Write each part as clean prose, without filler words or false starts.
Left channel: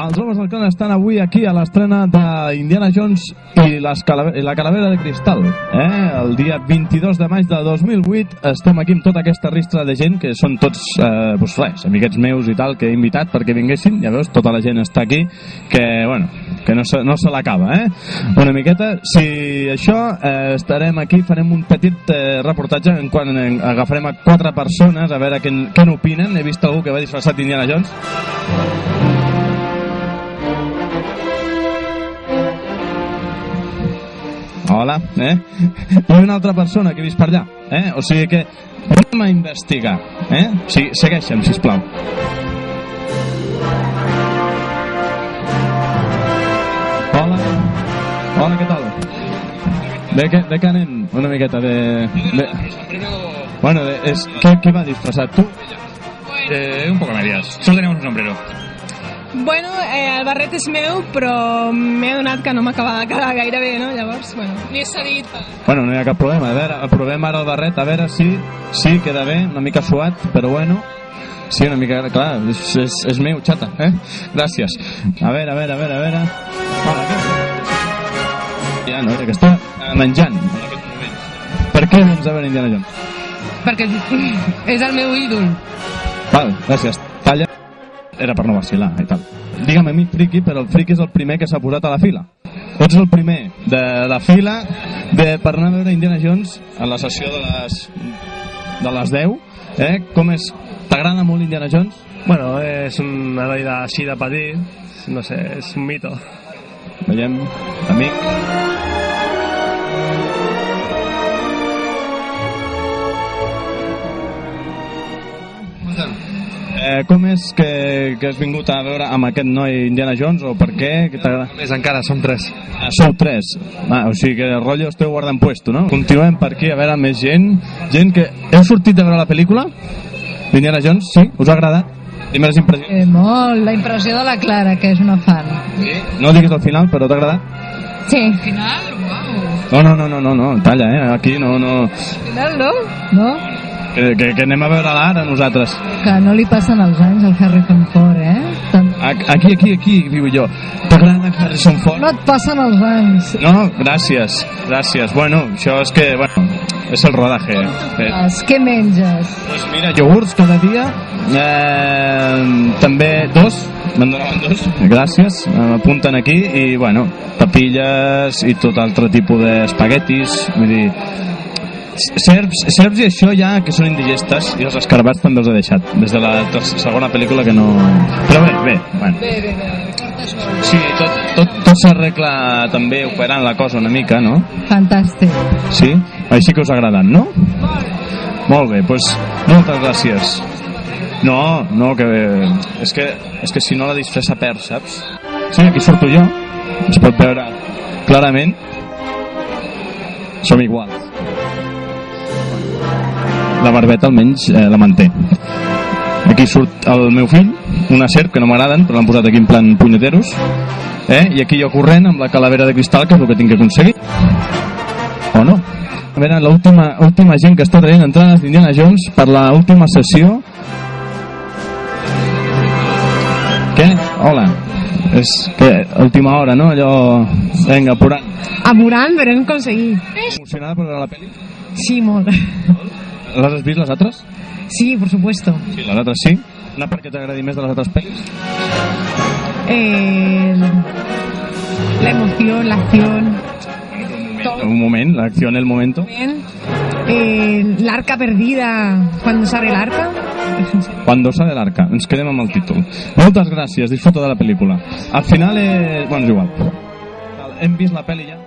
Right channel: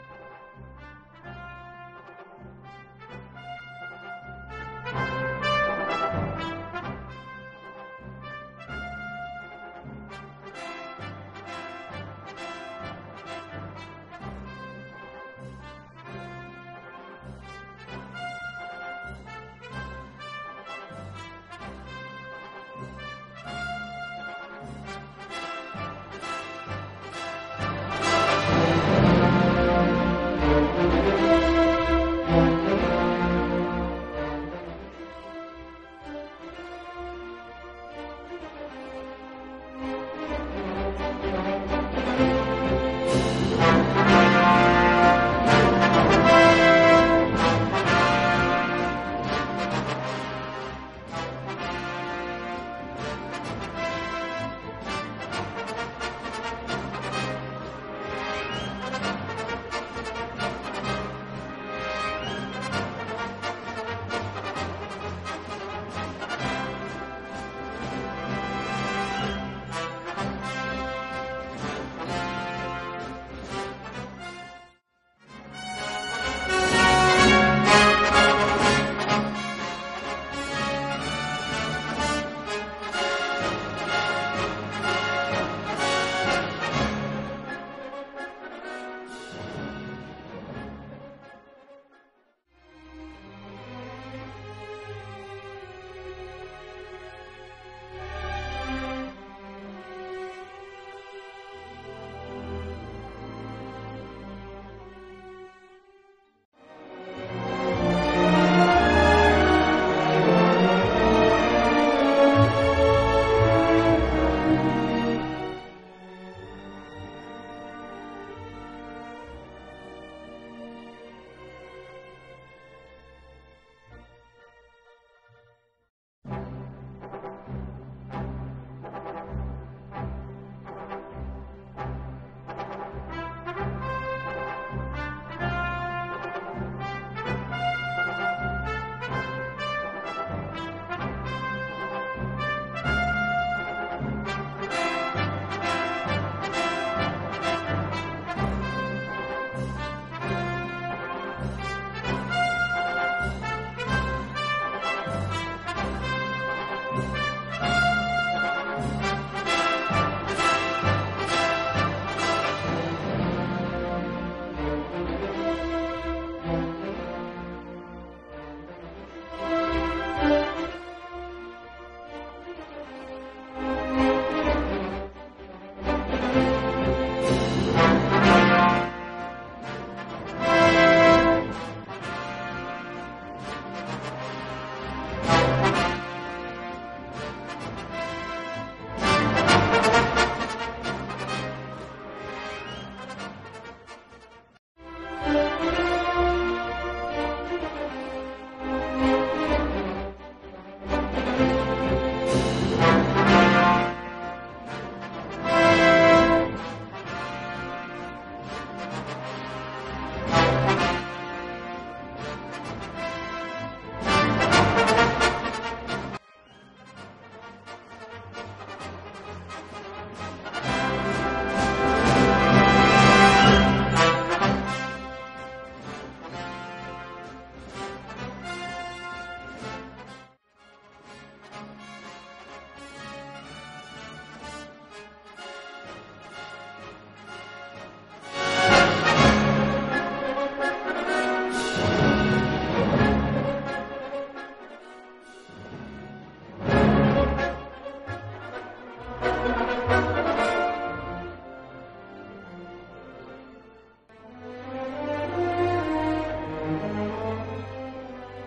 Els homes del clan estan avui aquí a l'estrena d'Indiana Jones i la calavera de cristal. El dia 22 de maig de 2008 estem aquí amb tota aquesta ristra de gent, que són tots, amiguets meus i tal, que he invitat perquè vinguessin. Ja veus, tota la gent està aquí, que no se l'acaba, Una miqueta, si això, estarem aquí, farem un petit reportatge en quan agafarem a 4 persones a veure què n'opinen. He vist algú que va disfressat d'Indiana Jones. Hola, I una altra persona que he vist per allà, O sigui que anem a investigar, Sí, segueixa'm, sisplau. Hola, què tal? De què anem? Una miqueta de... Bueno, ¿qué va disfrazat tu? Un poco medias, solo tenemos un sombrero. Bueno, el barret és meu, però m'he adonat que no m'acaba de quedar gaire bé, no? Llavors, m'he cedit. Bueno, no hi ha cap problema. A veure, provem ara el barret, a veure si queda bé, una mica suat, però bueno. Sí, una mica, clar, és meu, xata, Gràcies. A veure. Ja, no, que està menjant. Per què no ens ha venit Indiana Jones? Perquè és el meu ídol. Val, gràcies. Talla. Era per no vacilar i tal. Digue'm a mi friki, però el friki és el primer que s'ha posat a la fila. Ets el primer de la fila per anar a veure Indiana Jones a la sessió de les 10. Com és? T'agrada molt Indiana Jones? Bueno, és un heroi així de petit, no sé, és un mito. Veiem, amic. Com és que has vingut a veure amb aquest noi Indiana Jones, o per què? Més encara, som 3. Sou 3. O sigui que el rotllo esteu guardant puesto, no? Continuem per aquí a veure més gent. Gent que... Heu sortit de veure la pel·lícula d'Indiana Jones? Sí? Us ha agradat? Primeres impressions? Molt, la impressió de la Clara, que és una fan. Sí? No diguis al final, però t'ha agradat? Sí. Al final? Uau. No, talla, aquí no... Al final no? No? Que anem a veure l'ara nosaltres. Que no li passen els anys al Harrison Ford, Aquí viu jo. T'agrada Harrison Ford? No et passen els anys. No, gràcies. Bueno, això és que, és el rodaje. Què menges? Doncs mira, iogurts cada dia. També 2. Me'n donaven 2. Gràcies. M'apunten aquí. I, papilles i tot altre tipus d'espaguetis. Vull dir... Serps i això ja que són indigestes, i els escarabats també els he deixat des de la segona pel·lícula que no... Però bé. Sí, tot s'arregla també operant la cosa una mica, no? Fantàstic. Sí? Així que us ha agradat, no? Molt bé, doncs moltes gràcies. No, que... És que si no la disfressa perd, saps? Sí, aquí surto jo. Es pot veure clarament. Som iguals. La barbeta almenys la manté. Aquí surt el meu fill, una serp que no m'agraden, però l'han posat aquí en plan punyeteros, i aquí jo corrent amb la calavera de cristal, que és el que tinc que aconseguir. O no? A veure, l'última gent que està traient entrades d'Indiana Jones per l'última sessió. Què? Hola. És que última hora, no? Allò... Vinga, apurant. Apurant, però hem aconseguit. Emocionada per veure la pel·li? Sí, molt. ¿Las has visto las otras? Sí, por supuesto. Sí, las otras sí. ¿Una per què t'agradi més de les altres pel·lis? La emoción, la acción. Un moment, la acción, el momento. La arca perdida, cuando sale el arca. Cuando sale el arca, ens quedem amb el títol. Moltes gràcies, disfruta de la pel·lícula. Al final, bueno, és igual. Hem vist la pel·li ja?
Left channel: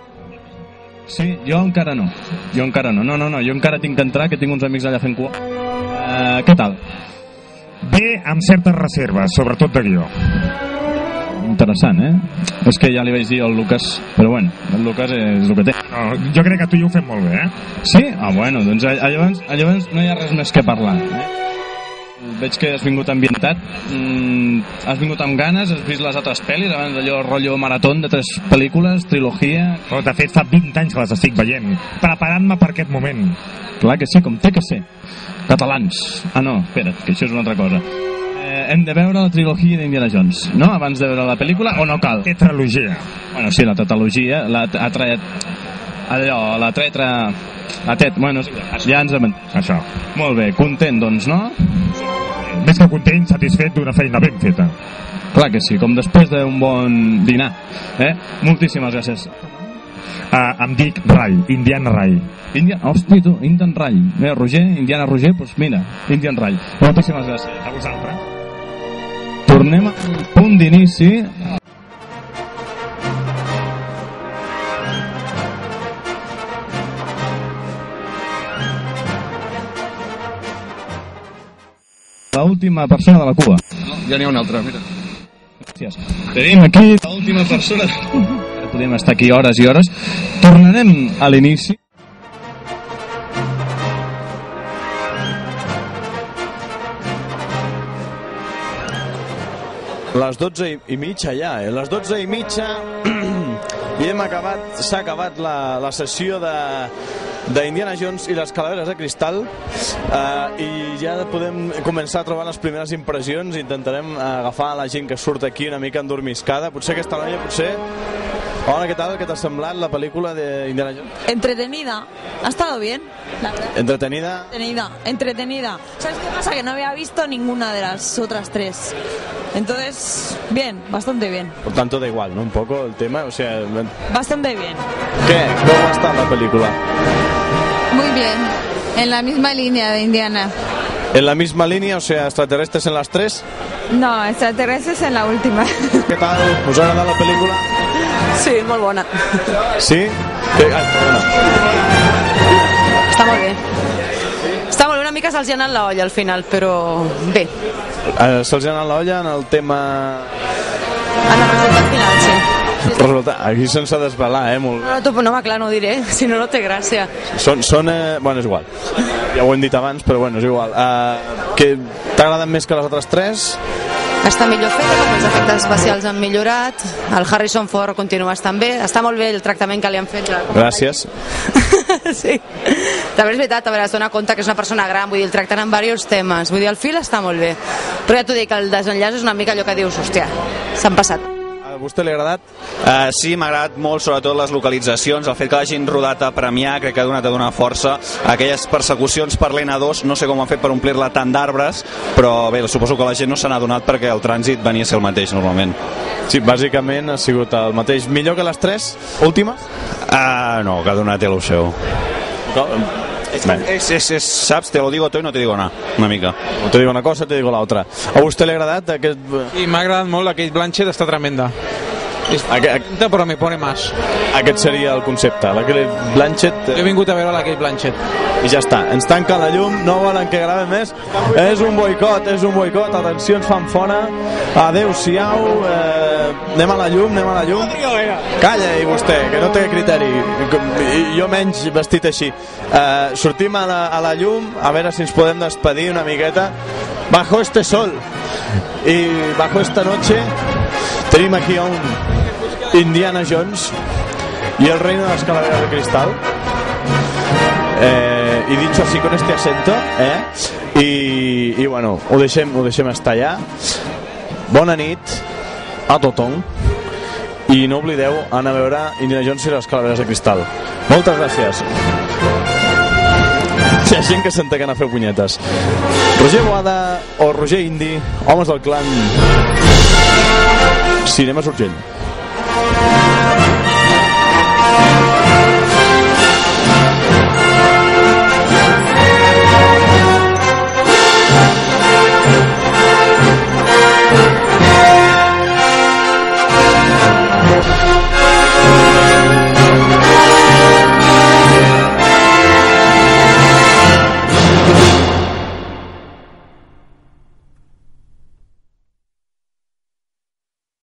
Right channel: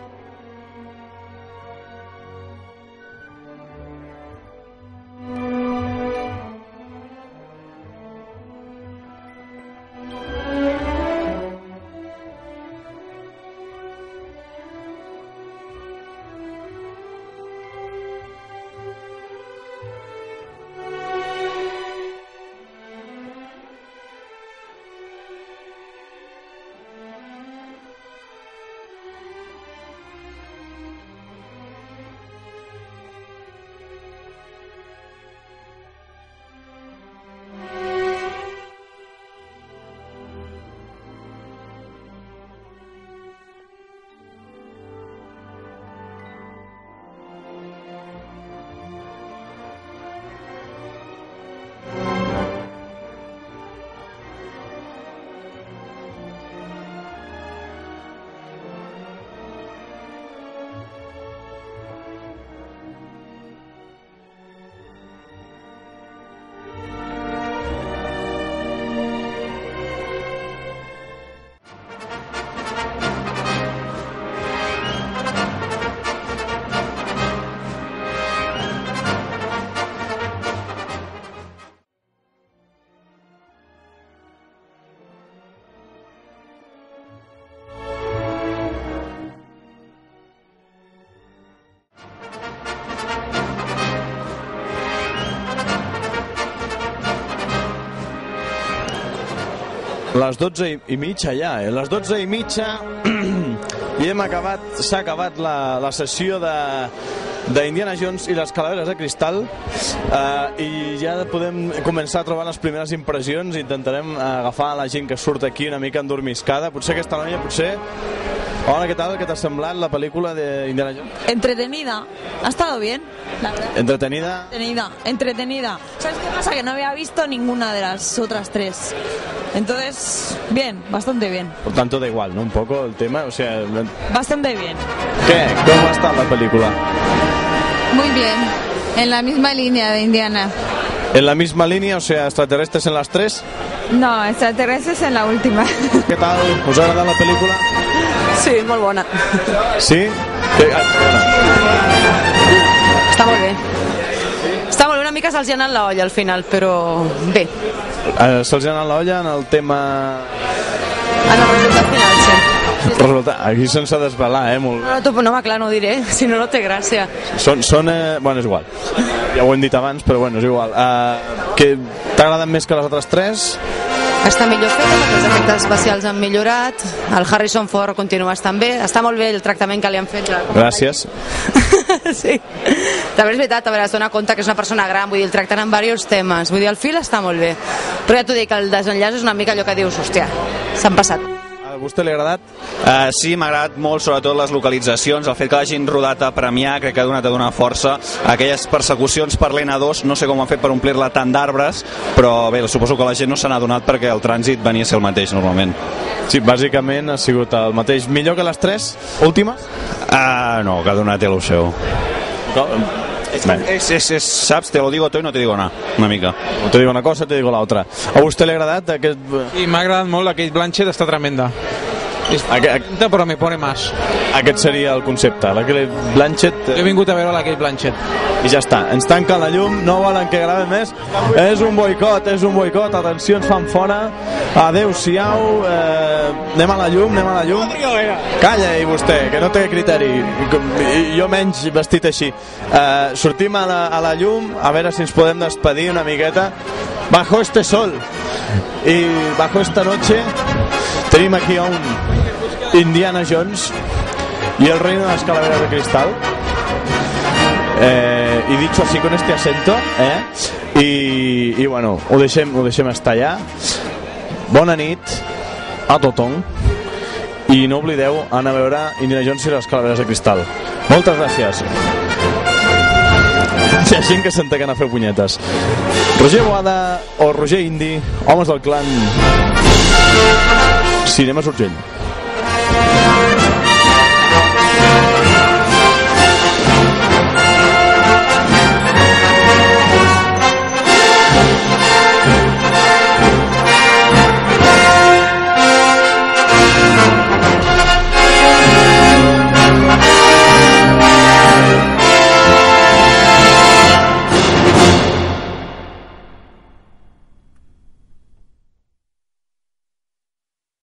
Sí, jo encara no. No, jo encara tinc que entrar, que tinc uns amics allà fent cua. Què tal? Bé, amb certes reserves, sobretot de guió. Interessant, És que ja li vaig dir al Lucas, però bueno, el Lucas és el que té. No, jo crec que tu i jo ho fem molt bé, Sí? Bueno, doncs llavors no hi ha res més que parlar. Veig que has vingut ambientat, has vingut amb ganes, has vist les altres pel·lis, abans d'allò rotllo marató de 3 pel·lícules, trilogia... Oh, de fet, fa 20 anys que les estic veient, preparant-me per aquest moment. Clar que sí, com té que ser. Catalans. Ah, no, espera't, que això és una altra cosa. Hem de veure la trilogia d'Indiana Jones, no? Abans de veure la pel·lícula, o no cal? Tetralogia. Bueno, sí, la tetralogia, bueno, ja ens hem... Això. Molt bé, content, doncs, no? Més que content, satisfet d'una feina ben feta. Clar que sí, com després d'un bon dinar. Moltíssimes gràcies. Em dic Ray, Indiana Ray. Hosti, tu, Indian Ray. Mira, Roger, Indiana Roger, doncs mira, Indian Ray. Moltíssimes gràcies. A vosaltres. Tornem al punt d'inici. L'última persona de la cua. No, ja n'hi ha una altra, mira. Gràcies. Tenim aquí l'última persona. Podem estar aquí hores i hores. Tornarem a l'inici. Les 12:30 ja, les 12:30 i s'ha acabat la sessió d'Indiana Jones i les calaveres de cristal, i ja podem començar a trobar les primeres impressions. Intentarem agafar la gent que surt aquí una mica endormiscada. Potser aquesta noia, Hola, ¿qué tal? ¿Qué te ha semblado la película de Indiana Jones? Entretenida, ha estado bien, la verdad. ¿Entretenida? Entretenida. ¿Sabes qué pasa? Que no había visto ninguna de las otras 3. Entonces, bien, bastante bien. Por tanto, da igual, ¿no? Un poco el tema, o sea... Bastante bien. ¿Qué? ¿Cómo está la película? Muy bien, en la misma línea de Indiana. ¿En la misma línea, o sea, extraterrestres en las 3? No, extraterrestres en la última. ¿Qué tal? ¿Us ha agradat la pel·lícula? Sí, molt bona. Sí? Perdona. Està molt bé. Està molt bé, una mica se'ls ha anat la olla al final, però bé. Se'ls ha anat la olla en el tema... En el resultat final, sí. Aquí sense desvelar, molt bé. No, clar, no ho diré, si no, no té gràcia. Bueno, és igual. Ja ho hem dit abans, però bueno, és igual. Que t'agraden més que les altres 3? Està millor feta perquè els efectes especials han millorat, el Harrison Ford continua estant bé, està molt bé el tractament que li han fet. Gràcies. Sí, també és veritat, a veure, es dona compte que és una persona gran, vull dir, el tracten amb diversos temes, vull dir, el fil està molt bé, però ja t'ho dic, el desenllaç és una mica allò que dius, hòstia, s'han passat. A vostè li ha agradat? Sí, m'ha agradat molt, sobretot les localitzacions, el fet que l'hagin rodat a Premià, crec que ha donat a donar força. Aquelles persecucions per l'N2, no sé com ho han fet per omplir-la tant d'arbres, però bé, suposo que la gent no se n'ha donat perquè el trànsit venia a ser el mateix normalment. Sí, bàsicament ha sigut el mateix. Millor que les 3 últimes? No, cada una té el seu. Saps, te lo digo todo y no te digo nada, una mica. Te digo una cosa, te digo la otra. A vostè li ha agradat aquest... Sí, m'ha agradat molt, aquell Blanchett està tremenda. Però me pone más. Aquest seria el concepte, la Kate Blanchett... Jo he vingut a veure la Kate Blanchett. I ja està, ens tanquen la llum, no volen que gravem més. És un boicot, atenció, ens fan fora. Adéu-siau, anem a la llum. Calla, i vostè, que no té criteri. Jo menys vestit així. Sortim a la llum, a veure si ens podem despedir una miqueta. Bajo este sol y bajo esta noche tenim aquí a un Indiana Jones y el reino de las calaveras de cristal, y dicho así con este acento, y bueno, ho deixem estar allà. Bona nit a tothom i no oblideu anar a veure Indiana Jones i les calaveres de cristal. Moltes gràcies. Hi ha gent que s'entén a fer punyetes. Roger Boada o Roger Indi, homes del clan Cinema Urgell.